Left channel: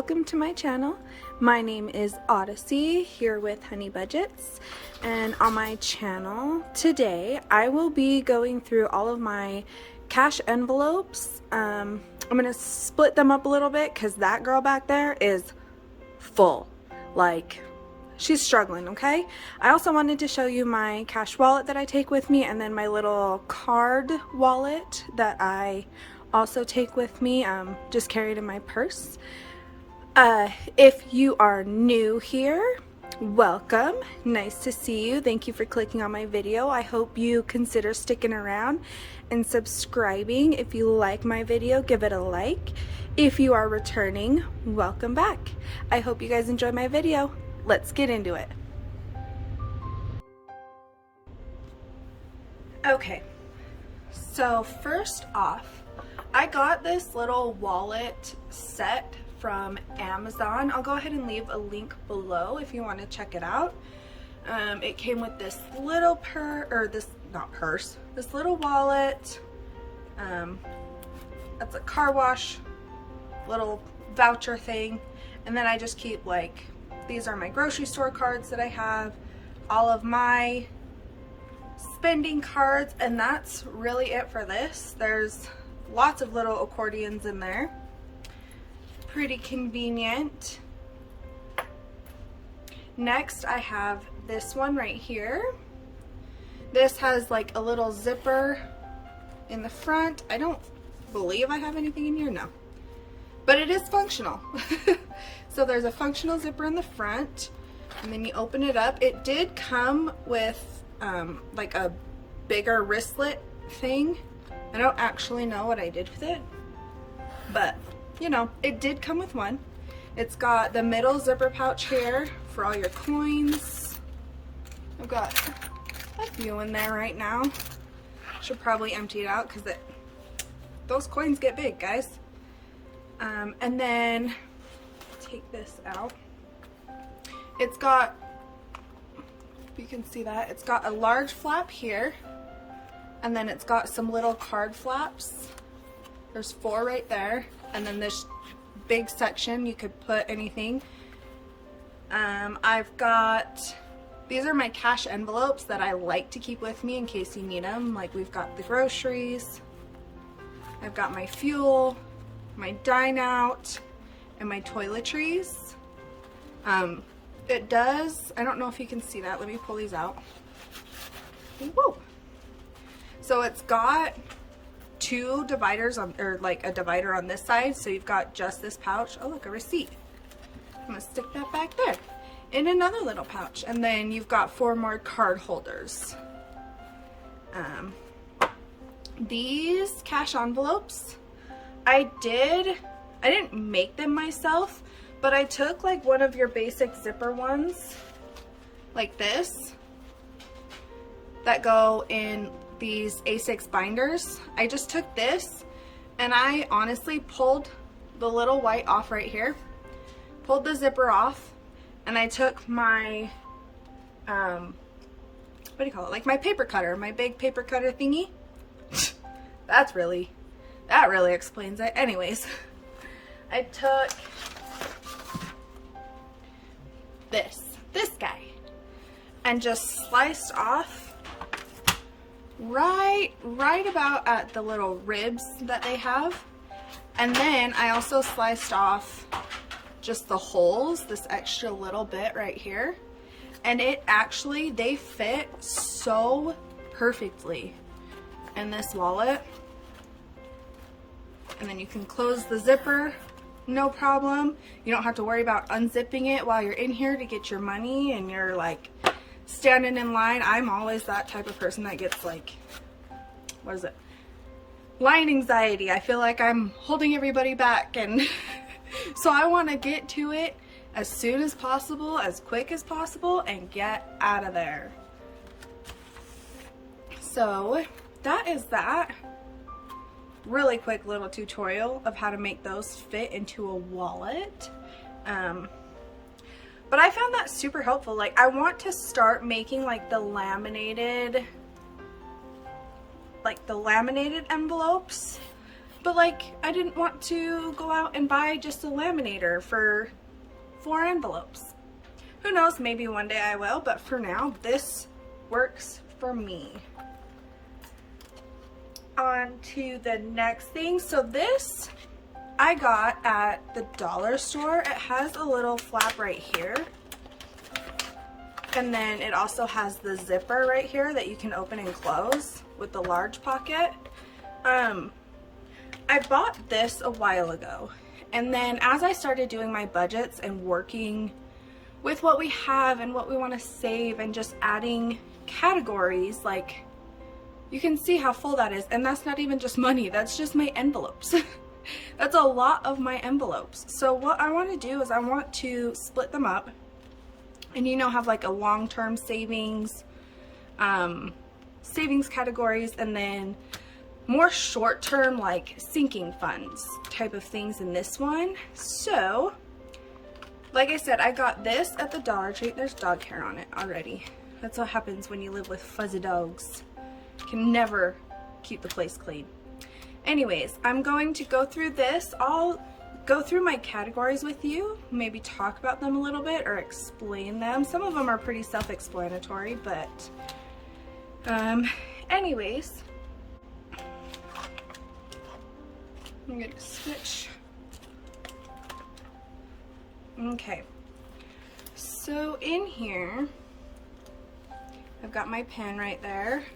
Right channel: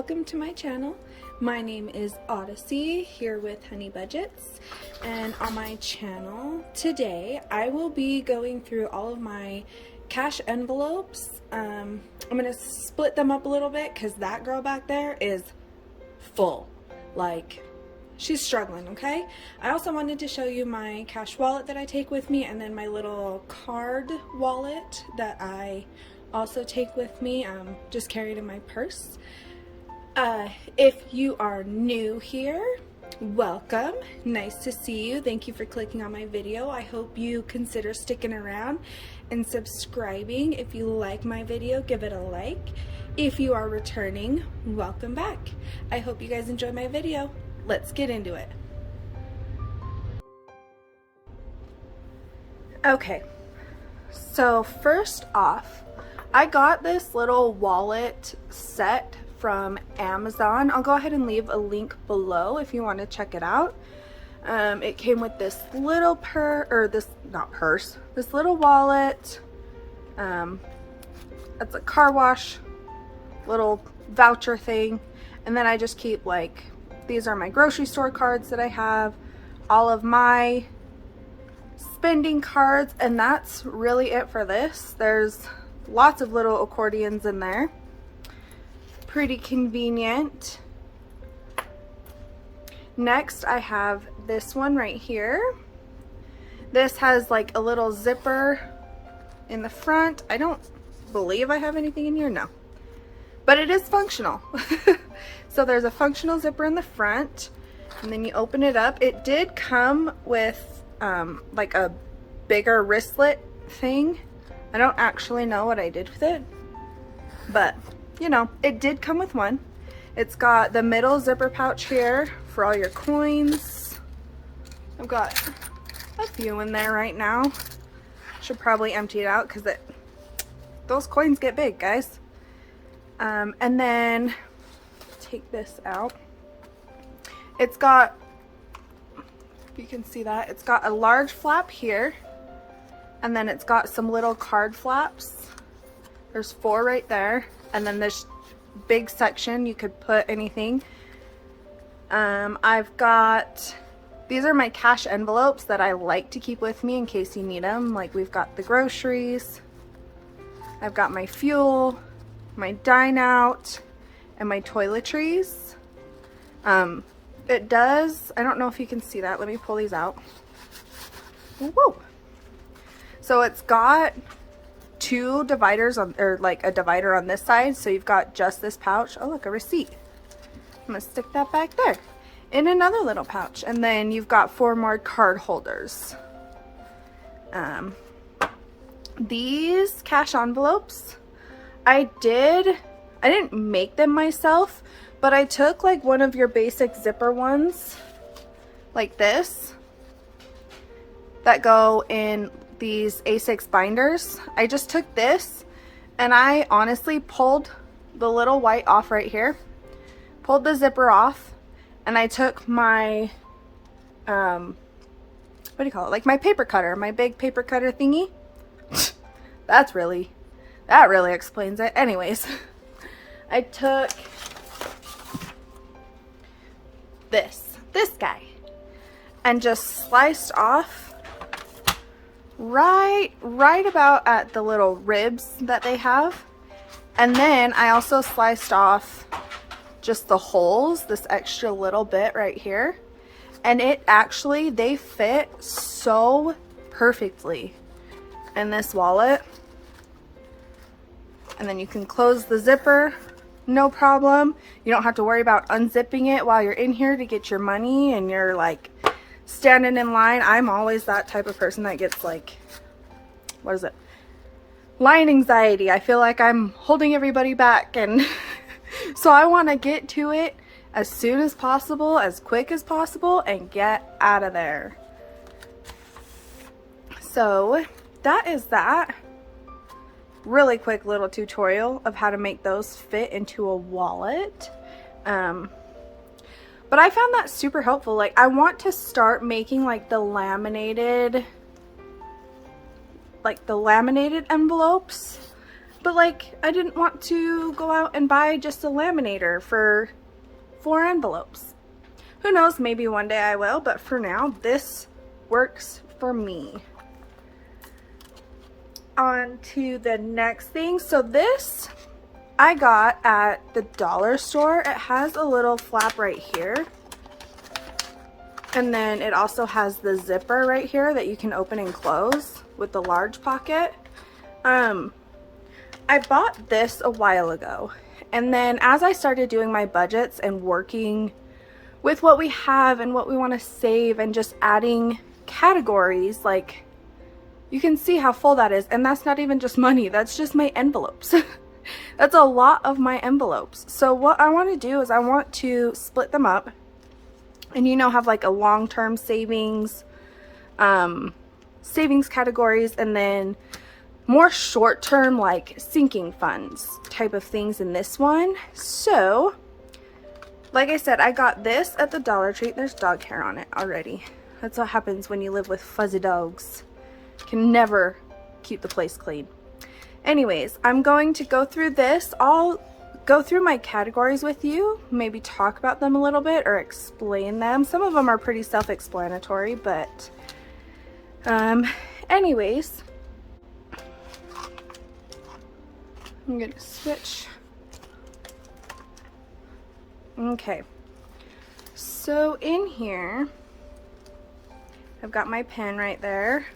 welcome to my channel. My name is Odyssey, here with Honey Budgets, and on my channel today I will be going through all of my cash envelopes. I'm gonna split them up a little bit because that girl back there is full, like she's struggling. Okay, I also wanted to show you my cash wallet that I take with me, and then my little card wallet that I also take with me, just carried in my purse. If you are new here, welcome. Nice to see you. Thank you for clicking on my video. I hope you consider sticking around and subscribing. If you like my video, give it a like. If you are returning, welcome back. I hope you guys enjoy my video. Let's get into it. Okay, so first off, I got this little wallet set from Amazon. I'll go ahead and leave a link below if you want to check it out. It came with this little this little wallet. That's a car wash little voucher thing, and then I just keep, like, these are my grocery store cards that I have, all of my spending cards, and that's really it for this. There's lots of little accordions in there. Pretty convenient. Next, I have this one right here. This has like a little zipper in the front. I don't believe I have anything in here, no. But it is functional. So there's a functional zipper in the front, and then you open it up. It did come with like a bigger wristlet thing. I don't actually know what I did with it, but you know, it did come with one. It's got the middle zipper pouch here for all your coins. I've got a few in there right now. Should probably empty it out because those coins get big, guys. And then take this out. It's got, if you can see that, it's got a large flap here, and then it's got some little card flaps. There's 4 right there, and then this big section you could put anything. I've got, these are my cash envelopes that I like to keep with me in case you need them. Like, we've got the groceries, I've got my fuel, my dine out, and my toiletries. It does, I don't know if you can see that, let me pull these out. Whoa. So it's got 2 dividers on, or like a divider on this side, so you've got just this pouch. Oh look, a receipt. I'm gonna stick that back there in another little pouch, and then you've got 4 more card holders. These cash envelopes, I didn't make them myself, but I took like one of your basic zipper ones like this that go in these A6 binders. I just took this and I honestly pulled the little white off right here, pulled the zipper off, and I took my what do you call it, like my paper cutter, my big paper cutter thingy. that really explains it. Anyways, I took this guy and just sliced off right about at the little ribs that they have, and then I also sliced off just the holes, this extra little bit right here, and it actually, they fit so perfectly in this wallet. And then you can close the zipper, no problem. You don't have to worry about unzipping it while you're in here to get your money and you're like standing in line. I'm always that type of person that gets, like, what is it, line anxiety. I feel like I'm holding everybody back, and so I want to get to it as soon as possible, as quick as possible, and get out of there. So that is that. Really quick little tutorial of how to make those fit into a wallet. But I found that super helpful. Like, I want to start making like the laminated envelopes. But like, I didn't want to go out and buy just a laminator for 4 envelopes. Who knows, maybe one day I will, but for now, this works for me. On to the next thing. So this I got at the dollar store. It has a little flap right here. And then it also has the zipper right here that you can open and close with the large pocket. I bought this a while ago, and then as I started doing my budgets and working with what we have and what we want to save and just adding categories, like, you can see how full that is. And that's not even just money, that's just my envelopes. That's a lot of my envelopes. So what I want to do is I want to split them up and, you know, have like a long-term savings categories, and then more short-term like sinking funds type of things in this one. So like I said, I got this at the Dollar Tree. There's dog hair on it already. That's what happens when you live with fuzzy dogs. You can never keep the place clean. Anyways, I'm going to go through this. I'll go through my categories with you, maybe talk about them a little bit or explain them. Some of them are pretty self-explanatory, but anyways, I'm gonna switch. Okay, so in here I've got my pen right there.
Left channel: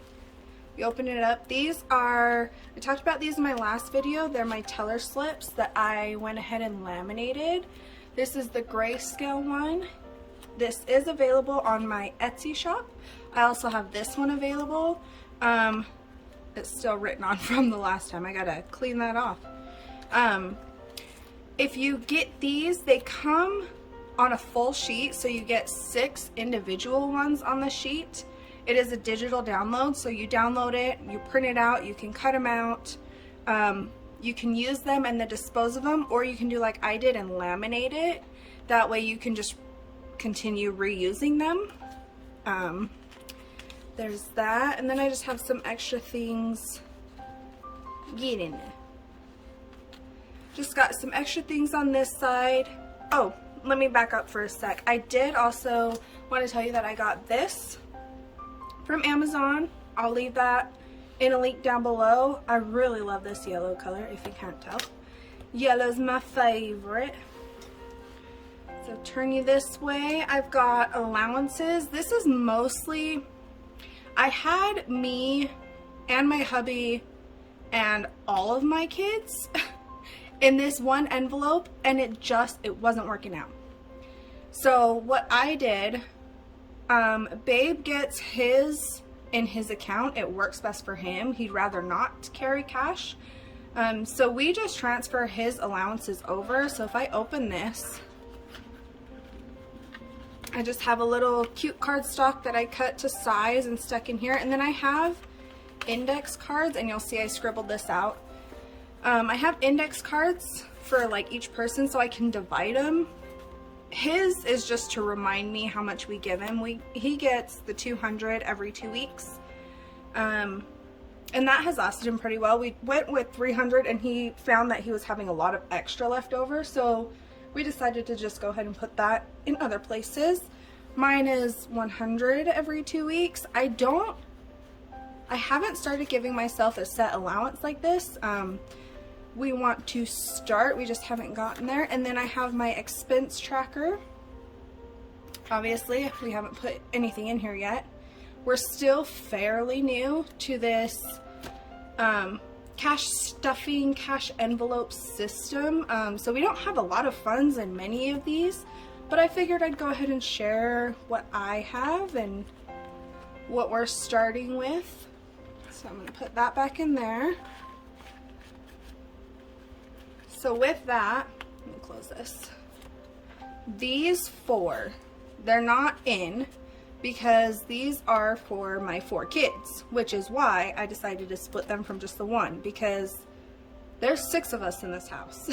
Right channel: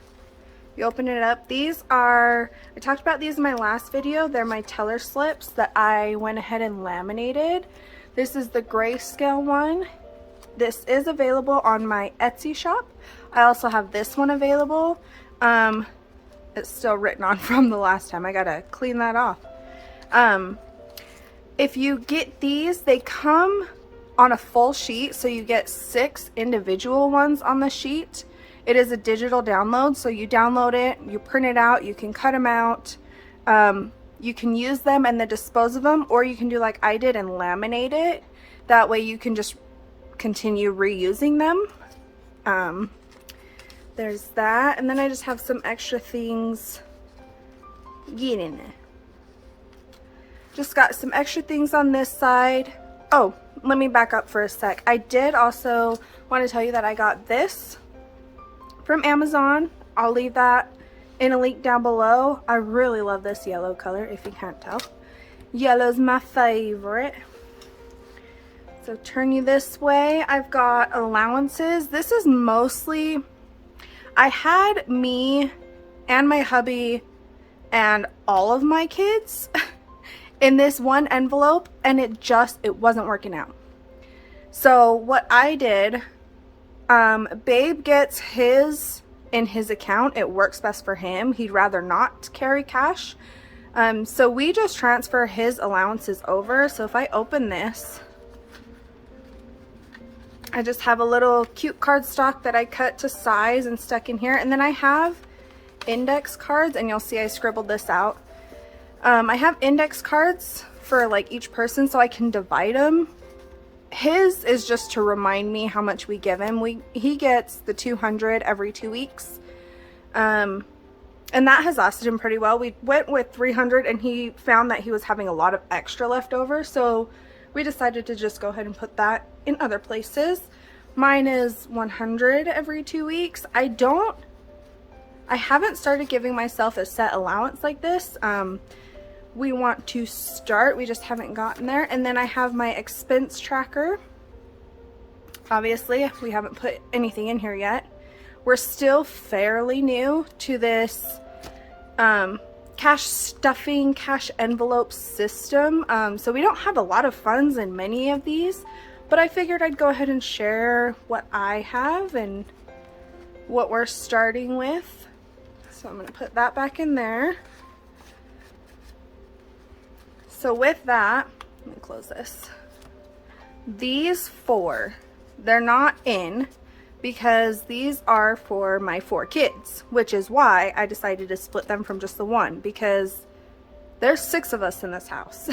You open it up. These are, I talked about these in my last video. They're my teller slips that I went ahead and laminated. This is the grayscale one. This is available on my Etsy shop. I also have this one available. It's still written on from the last time. I gotta clean that off. If you get these, they come on a full sheet, so you get 6 individual ones on the sheet. It is a digital download, so you download it, you print it out, you can cut them out, you can use them and then dispose of them, or you can do like I did and laminate it. That way you can just continue reusing them. There's that, and then I just have some extra things. Get in there. Just got some extra things on this side. Oh, let me back up for a sec. I did also want to tell you that I got this from Amazon. I'll leave that in a link down below. I really love this yellow color, if you can't tell. Yellow's my favorite. So turn you this way. I've got Allowances. This is mostly, I had me and my hubby and all of my kids in this one envelope, and it wasn't working out. So what I did, Babe gets his in his account. It works best for him. He'd rather not carry cash. So we just transfer his allowances over. So if I open this, I just have a little cute cardstock that I cut to size and stuck in here. And then I have index cards, and you'll see I scribbled this out. I have index cards for like each person so I can divide them. His is just to remind me how much we give him. He gets the 200 every 2 weeks. And that has lasted him pretty well. We went with 300 and he found that he was having a lot of extra left over. So we decided to just go ahead and put that in other places. Mine is 100 every 2 weeks. I haven't started giving myself a set allowance like this. We want to start, we just haven't gotten there. And then I have my expense tracker. Obviously, we haven't put anything in here yet. We're still fairly new to this cash stuffing, cash envelope system. So we don't have a lot of funds in many of these, but I figured I'd go ahead and share what I have and what we're starting with. So I'm gonna put that back in there. So with that, let me close this. These 4, they're not in because these are for my 4 kids, which is why I decided to split them from just the one, because there's 6 of us in this house.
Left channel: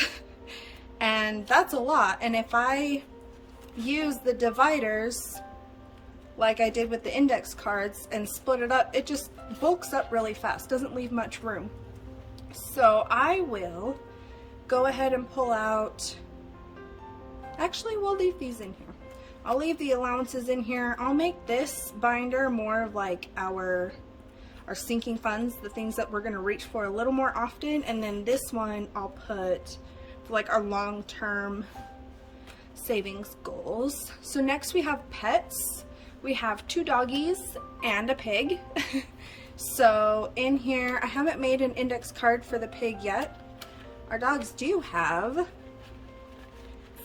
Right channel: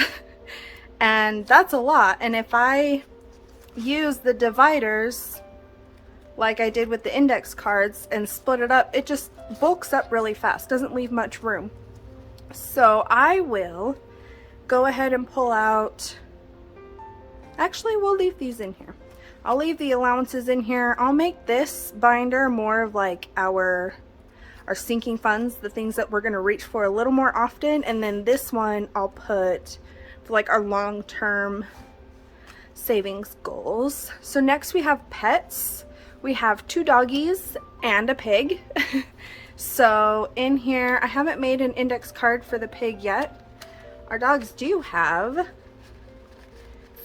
And that's a lot. And if I use the dividers like I did with the index cards and split it up, it just bulks up really fast, doesn't leave much room. So I will go ahead and pull out, actually we'll leave these in here. I'll leave the allowances in here. I'll make this binder more of like our sinking funds, the things that we're going to reach for a little more often, and then this one I'll put for like our long-term savings goals. So next we have pets. We have 2 doggies and a pig. So in here, I haven't made an index card for the pig yet. Our dogs do have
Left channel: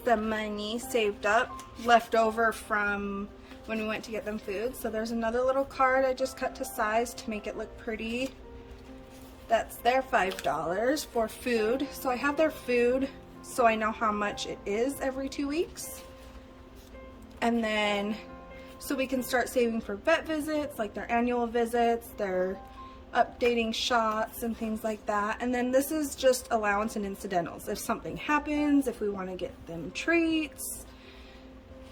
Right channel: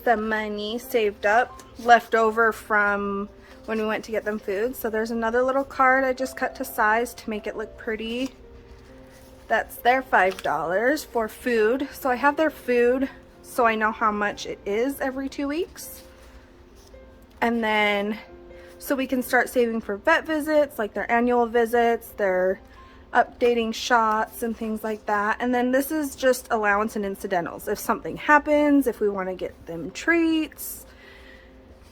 some money saved up, left over from when we went to get them food. So there's another little card I just cut to size to make it look pretty. That's their $5 for food. So I have their food so I know how much it is every 2 weeks. And then so we can start saving for vet visits, like their annual visits, their updating shots and things like that. And then this is just allowance and incidentals. If something happens, if we want to get them treats,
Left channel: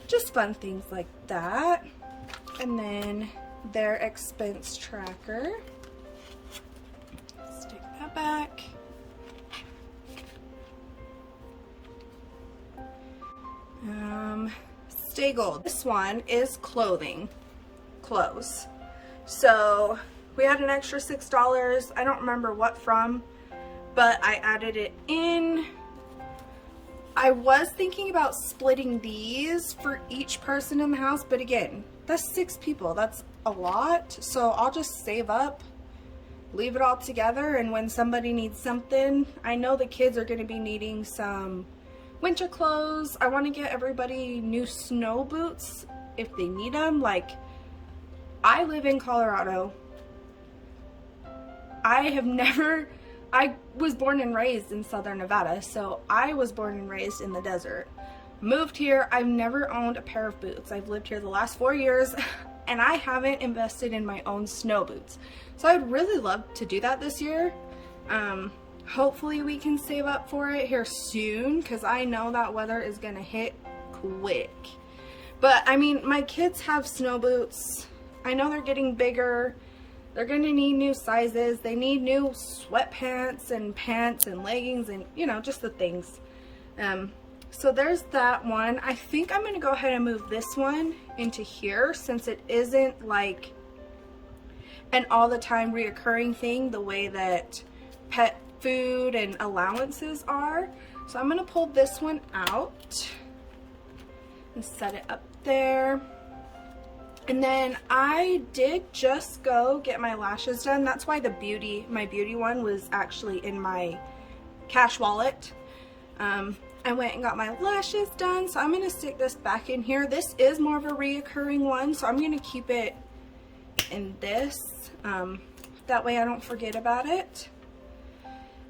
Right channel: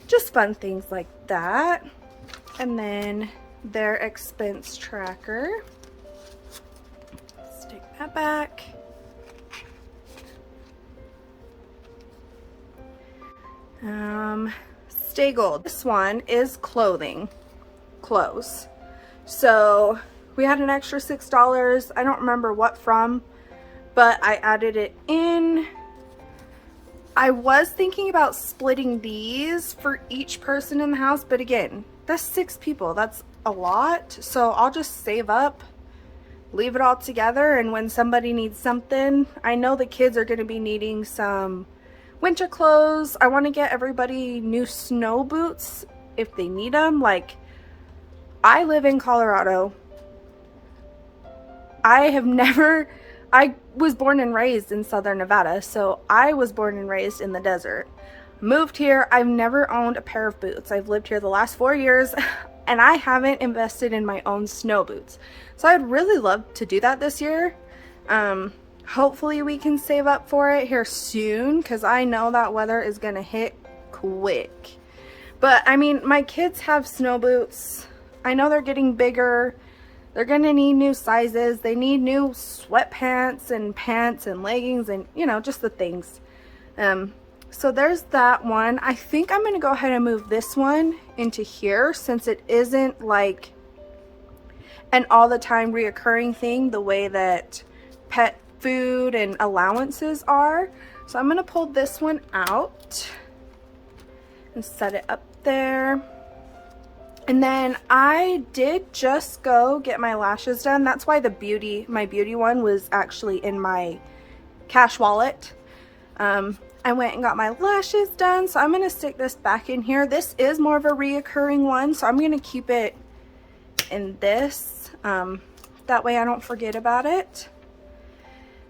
just fun things like that. And then their expense tracker. Let's take that back. Stay Gold. This one is clothes. So we had an extra $6. I don't remember what from, but I added it in. I was thinking about splitting these for each person in the house, but again, that's 6 people. That's a lot. So I'll just save up, leave it all together, and when somebody needs something, I know the kids are going to be needing some winter clothes. I want to get everybody new snow boots if they need them. Like, I live in Colorado. I was born and raised in Southern Nevada, so I was born and raised in the desert. Moved here, I've never owned a pair of boots. I've lived here the last 4 years, and I haven't invested in my own snow boots. So I'd really love to do that this year. Hopefully we can save up for it here soon, because I know that weather is going to hit quick. But, I mean, my kids have snow boots. I know they're getting bigger. They're going to need new sizes. They need new sweatpants and pants and leggings and, you know, just the things. So there's that one. I think I'm going to go ahead and move this one into here, since it isn't like an all the time reoccurring thing the way that pet food and allowances are. So I'm going to pull this one out and set it up there. And then I did just go get my lashes done. That's why my beauty one was actually in my cash wallet. I went and got my lashes done, so I'm going to stick this back in here. This is more of a reoccurring one, so I'm going to keep it in this. That way I don't forget about it.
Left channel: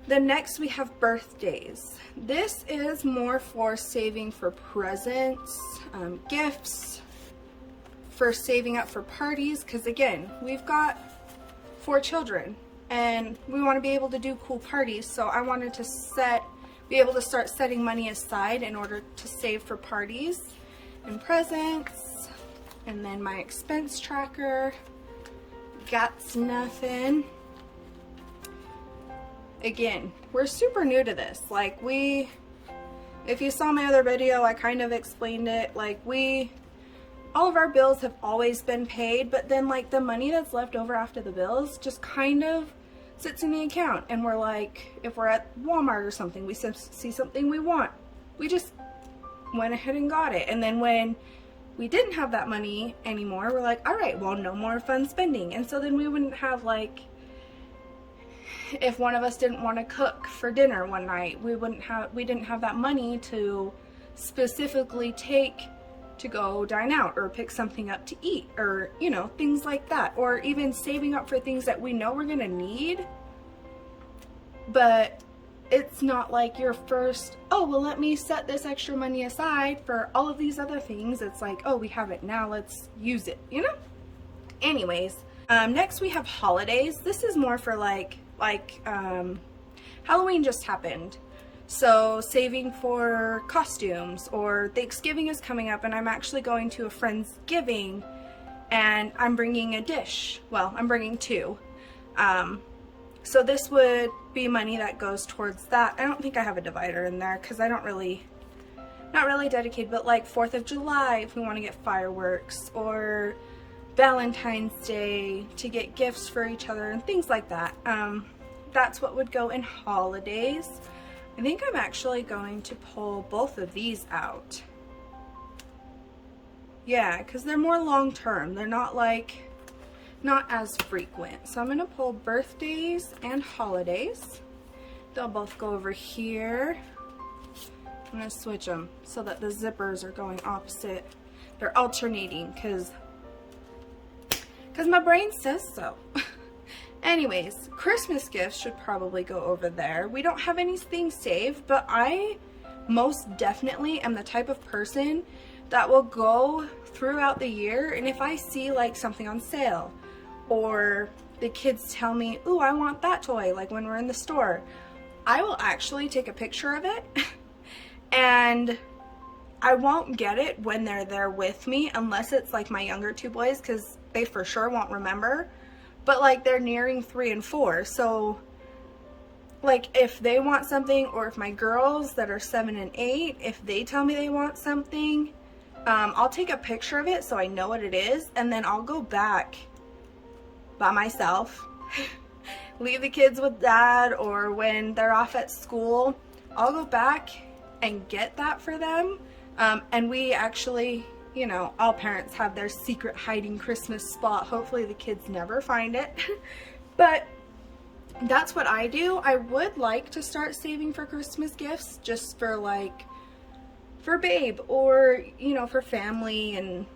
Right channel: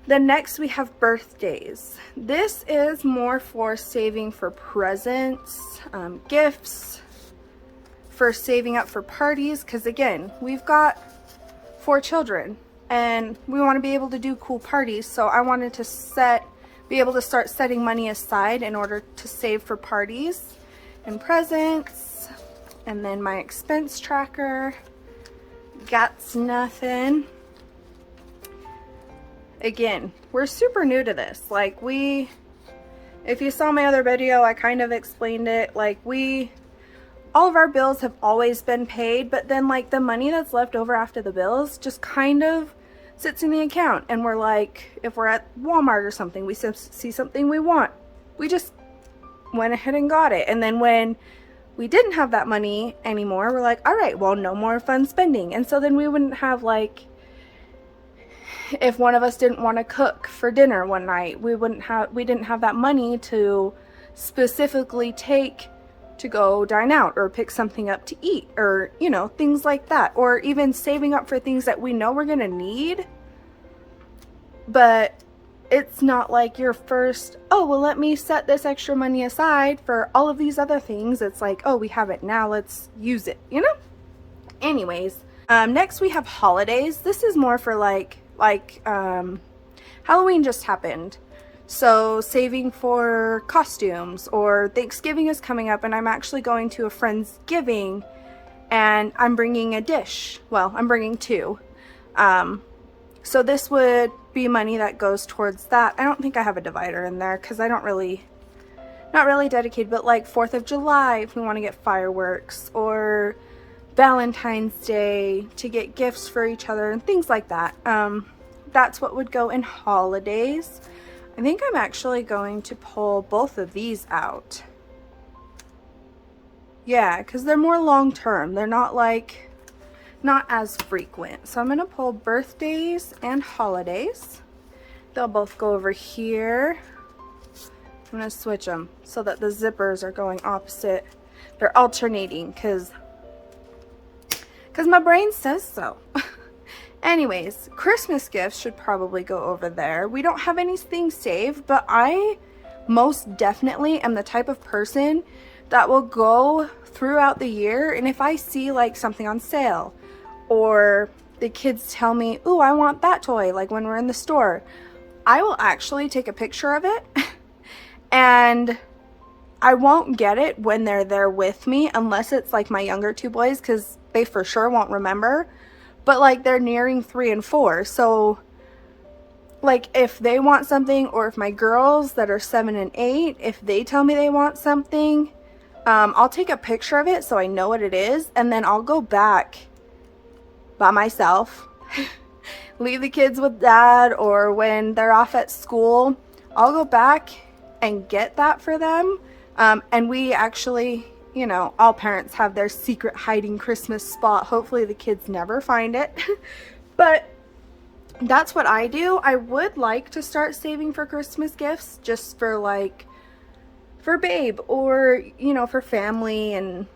Then next we have birthdays. This is more for saving for presents, gifts, for saving up for parties, because again, we've got 4 children and we want to be able to do cool parties. So I wanted to be able to start setting money aside in order to save for parties and presents. And then my expense tracker, got nothing. Again, we're super new to this. Like, if you saw my other video, I kind of explained it. Like, all of our bills have always been paid, but then like the money that's left over after the bills just kind of sits in the account. And we're like, if we're at Walmart or something, we see something we want, we just went ahead and got it. And then when we didn't have that money anymore, we're like, all right, well, no more fun spending. And so then we wouldn't have, like, if one of us didn't want to cook for dinner one night, we didn't have that money to specifically take to go dine out or pick something up to eat, or, you know, things like that. Or even saving up for things that we know we're gonna need, but it's not like your first, oh, well, let me set this extra money aside for all of these other things. It's like, oh, we have it now, let's use it, you know? Anyways, next we have holidays. This is more for like Halloween just happened. So saving for costumes, or Thanksgiving is coming up and I'm actually going to a friend's giving and I'm bringing a dish. Well, I'm bringing 2. So this would be money that goes towards that. I don't think I have a divider in there because I don't really, not really dedicated, but like 4th of July if we want to get fireworks, or Valentine's Day to get gifts for each other and things like that. That's what would go in holidays. I think I'm actually going to pull both of these out. Yeah, because they're more long-term. They're not like, not as frequent. So I'm going to pull birthdays and holidays. They'll both go over here. I'm going to switch them so that the zippers are going opposite. They're alternating because my brain says so. Anyways, Christmas gifts should probably go over there. We don't have anything saved, but I most definitely am the type of person that will go throughout the year, and if I see like something on sale, or the kids tell me, ooh, I want that toy, like when we're in the store, I will actually take a picture of it and I won't get it when they're there with me, unless it's like my younger 2 boys, because they for sure won't remember. But like they're nearing 3 and 4, so like if they want something, or if my girls that are 7 and 8, if they tell me they want something, I'll take a picture of it so I know what it is, and then I'll go back by myself, leave the kids with dad, or when they're off at school, I'll go back and get that for them. And we actually, you know, all parents have their secret hiding Christmas spot. Hopefully the kids never find it. But that's what I do. I would like to start saving for Christmas gifts, just for like, for Babe, or, you know, for family and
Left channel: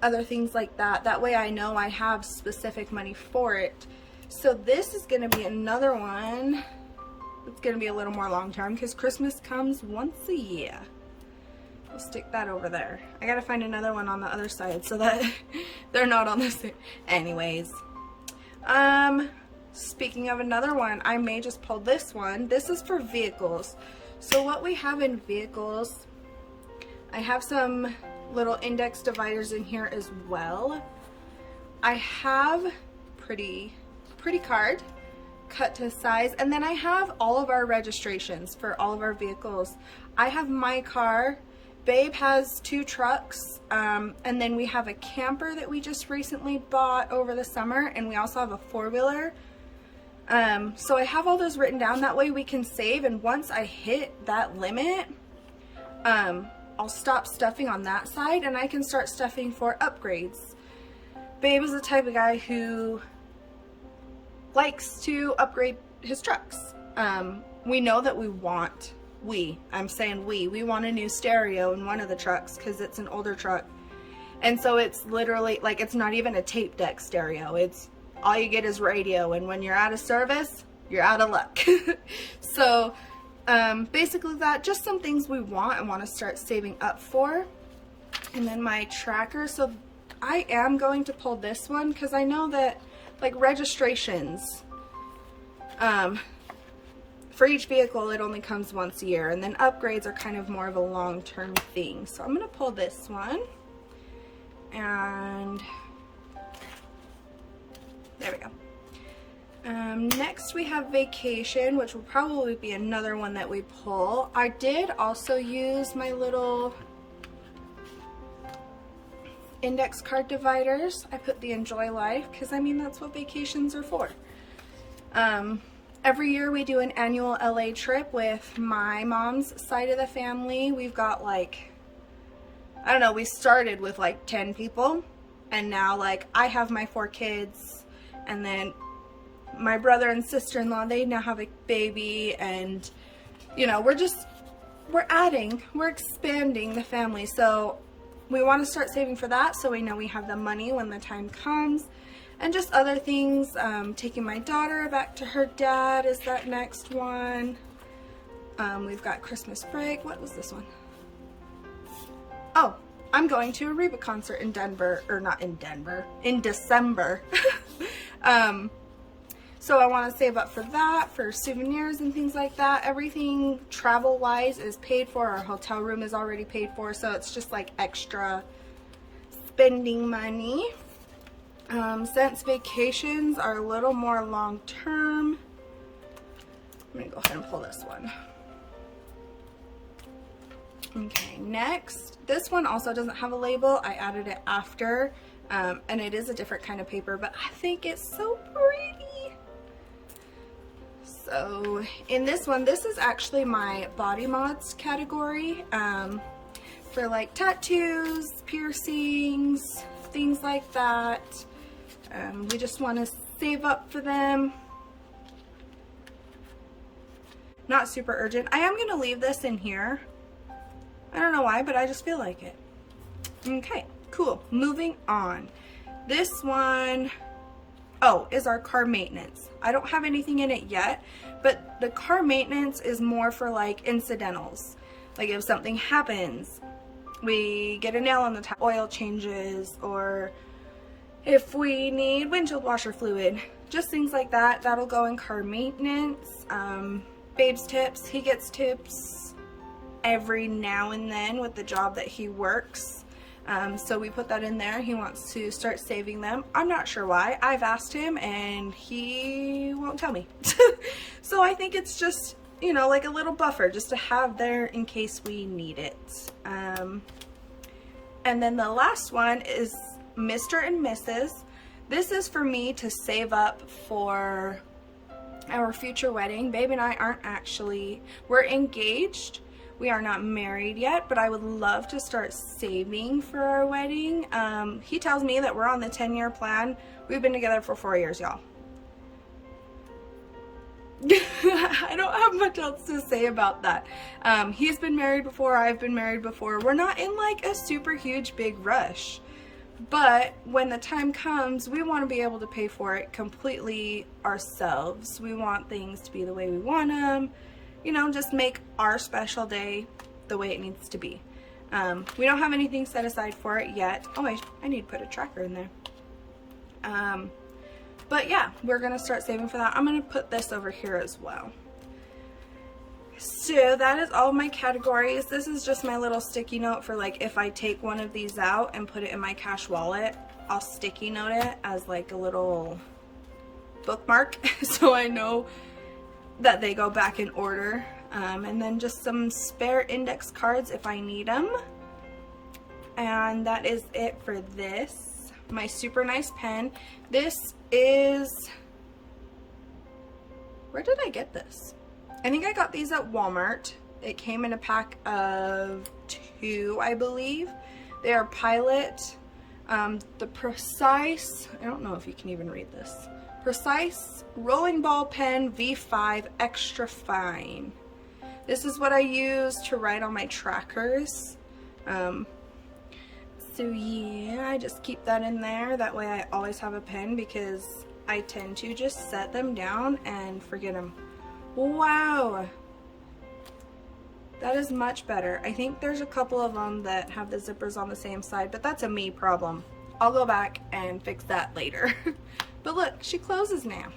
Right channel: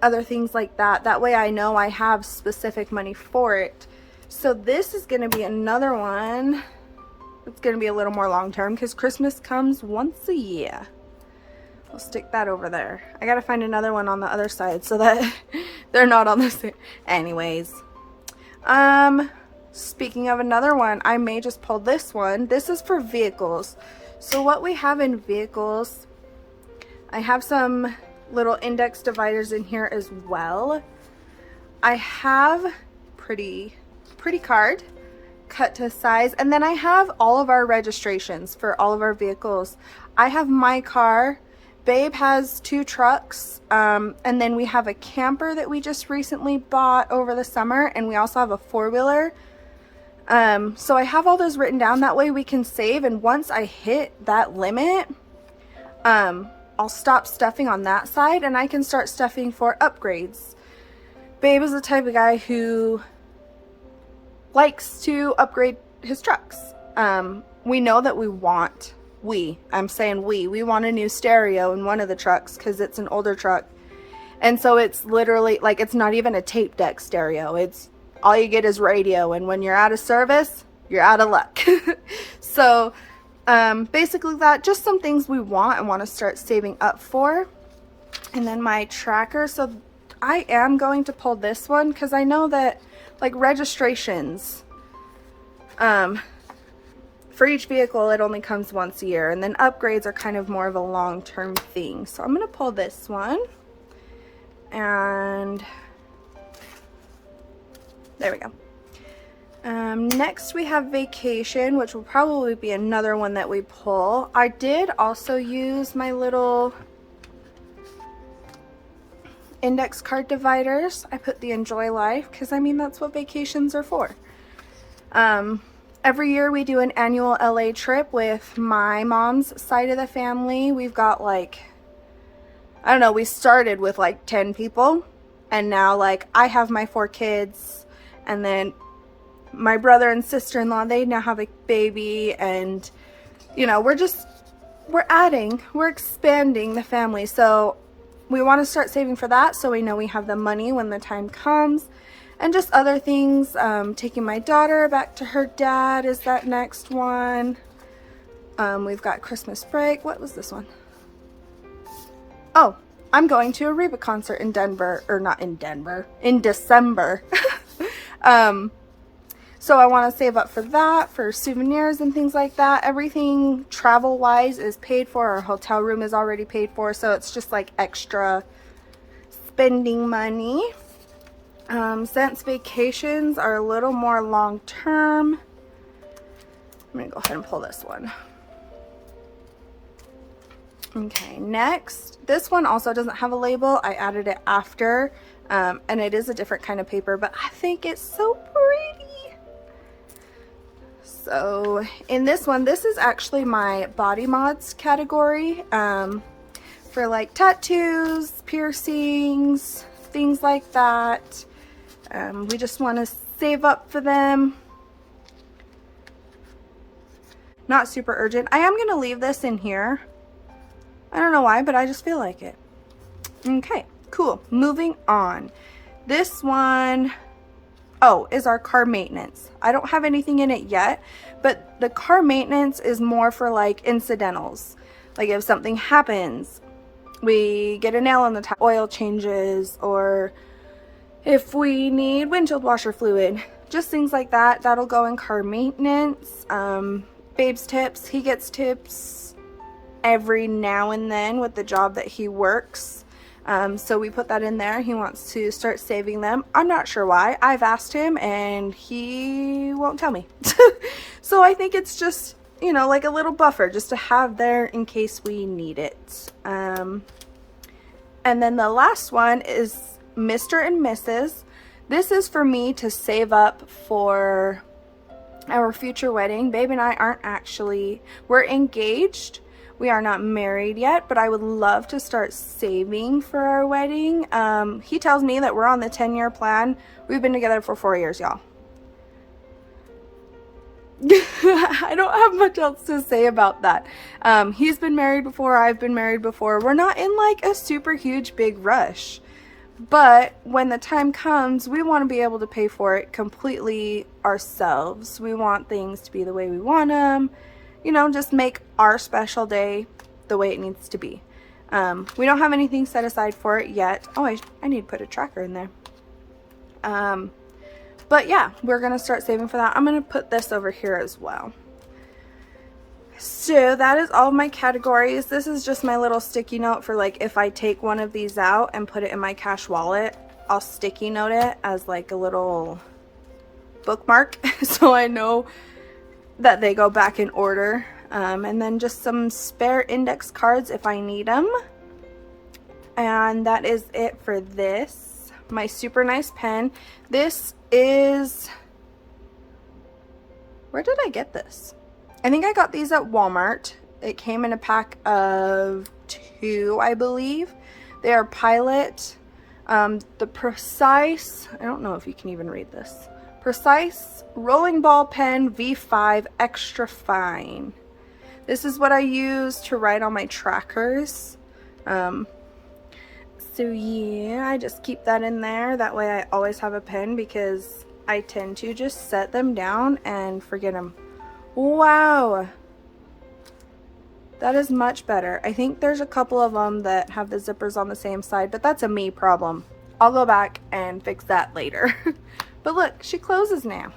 other things like that. That way I know I have specific money for it. So this is going to be another one. It's going to be a little more long term because Christmas comes once a year. I'll stick that over there. I gotta find another one on the other side so that they're not on the same. Anyways, speaking of another one, I may just pull this one. This is for vehicles. So what we have in vehicles, I have some little index dividers in here as well. I have pretty card cut to size, and then I have all of our registrations for all of our vehicles. I have my car. Babe has 2 trucks, and then we have a camper that we just recently bought over the summer, and we also have a 4-wheeler. So I have all those written down, that way we can save, and once I hit that limit, I'll stop stuffing on that side and I can start stuffing for upgrades. Babe is the type of guy who likes to upgrade his trucks. We know that we want we want a new stereo in one of the trucks because it's an older truck, and so it's literally like, it's not even a tape deck stereo, it's all you get is radio, and when you're out of service, you're out of luck. So basically that, just some things we want and want to start saving up for. And then my tracker, so I am going to pull this one because I know that like registrations, for each vehicle, it only comes once a year, and then upgrades are kind of more of a long-term thing. So I'm going to pull this one, and there we go. Next we have vacation, which will probably be another one that we pull. I did also use my little index card dividers. I put the Enjoy Life because I mean that's what vacations are for. Every year we do an annual LA trip with my mom's side of the family. We've got like, I don't know, we started with like 10 people, and now like I have my 4 kids, and then my brother and sister-in-law, they now have a baby, and you know, we're expanding the family. So we want to start saving for that so we know we have the money when the time comes. And just other things, taking my daughter back to her dad is that next one. We've got Christmas break. What was this one? Oh, I'm going to a Reba concert in Denver, or not in Denver, in December. So I want to save up for that, for souvenirs and things like that. Everything travel-wise is paid for. Our hotel room is already paid for, so it's just like extra spending money. Since vacations are a little more long term, I'm gonna go ahead and pull this one. Okay, next, this one also doesn't have a label. I added it after, and it is a different kind of paper, but I think it's so pretty. So in this one, this is actually my body mods category, for like tattoos, piercings, things like that. We just want to save up for them. Not super urgent. I am going to leave this in here. I don't know why, but I just feel like it. Okay, cool. Moving on. This one, oh, is our car maintenance. I don't have anything in it yet, but the car maintenance is more for like incidentals. Like if something happens, we get a nail in the tire, oil changes, or if we need windshield washer fluid, just things like that. That'll go in car maintenance. Babe's tips, he gets tips every now and then with the job that he works. So we put that in there. He wants to start saving them. I'm not sure why. I've asked him and he won't tell me. So I think it's just, you know, like a little buffer just to have there in case we need it. And then the last one is Mr. and Mrs. This is for me to save up for our future wedding. Babe and I aren't actually, we're engaged. We are not married yet, but I would love to start saving for our wedding. He tells me that we're on the 10-year plan. We've been together for 4 years, y'all. I don't have much else to say about that. He's been married before, I've been married before. We're not in like a super huge big rush, but when the time comes, we want to be able to pay for it completely ourselves. We want things to be the way we want them, you know, just make our special day the way it needs to be. We don't have anything set aside for it yet. Oh, I need to put a tracker in there. But yeah, we're going to start saving for that. I'm going to put this over here as well. So that is all of my categories. This is just my little sticky note for like if I take one of these out and put it in my cash wallet, I'll sticky note it as like a little bookmark so I know that they go back in order. And then just some spare index cards if I need them. And that is it for this. My super nice pen. This is, where did I get this? I think I got these at Walmart. It came in a pack of 2, I believe. They are Pilot. The Precise, I don't know if you can even read this. Precise Rolling Ball Pen V5 Extra Fine. This is what I use to write on my trackers. So yeah, I just keep that in there. That way I always have a pen because I tend to just set them down and forget them. Wow. That is much better. I think there's a couple of them that have the zippers on the same side, but that's a me problem. I'll go back and fix that later. But look, she closes now.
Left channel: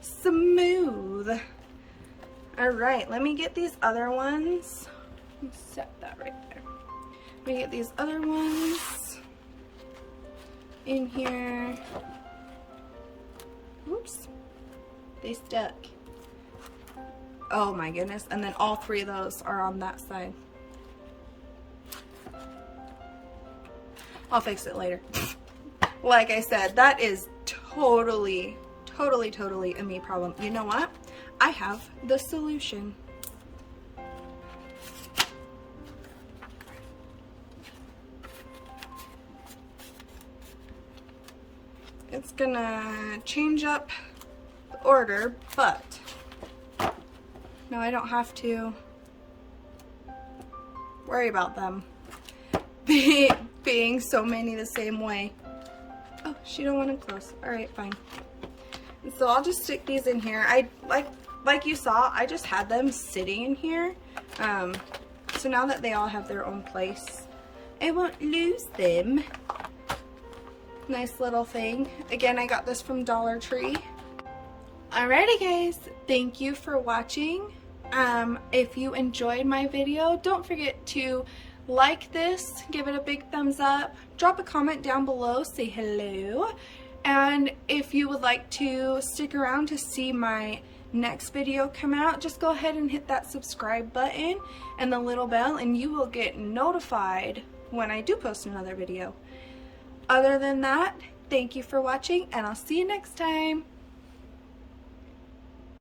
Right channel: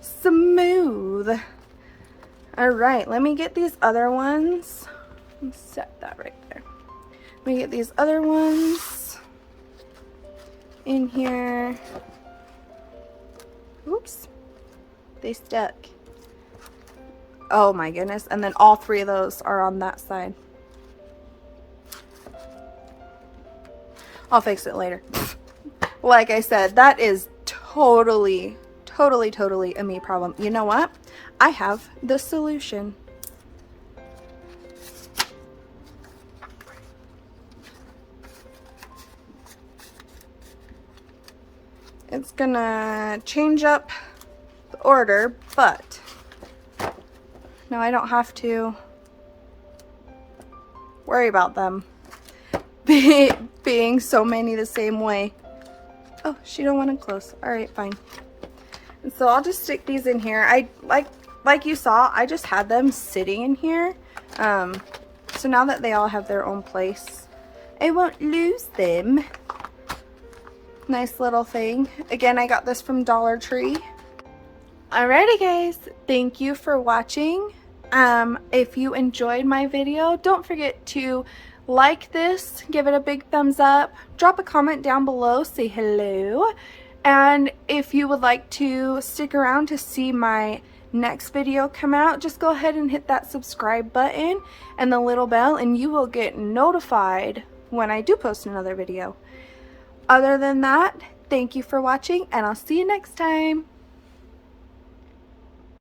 Smooth. Alright, let me get these other ones. Set that right there. Let me get these other ones in here. Oops. They stuck. Oh my goodness. And then all 3 of those are on that side. I'll fix it later. Like I said, that is totally a me problem. You know what? I have the solution. It's gonna change up the order, but now I don't have to worry about them being so many the same way. Oh, she don't want them close. All right, fine. And so I'll just stick these in here. I like you saw, I just had them sitting in here. So now that they all have their own place, I won't lose them. Nice little thing. Again, I got this from Dollar Tree. Alrighty guys, thank you for watching. If you enjoyed my video, don't forget to like this, give it a big thumbs up, drop a comment down below, say hello, and if you would like to stick around to see my next video come out, just go ahead and hit that subscribe button and the little bell, and you will get notified when I do post another video. Other than that, thank you for watching, and I'll see you next time.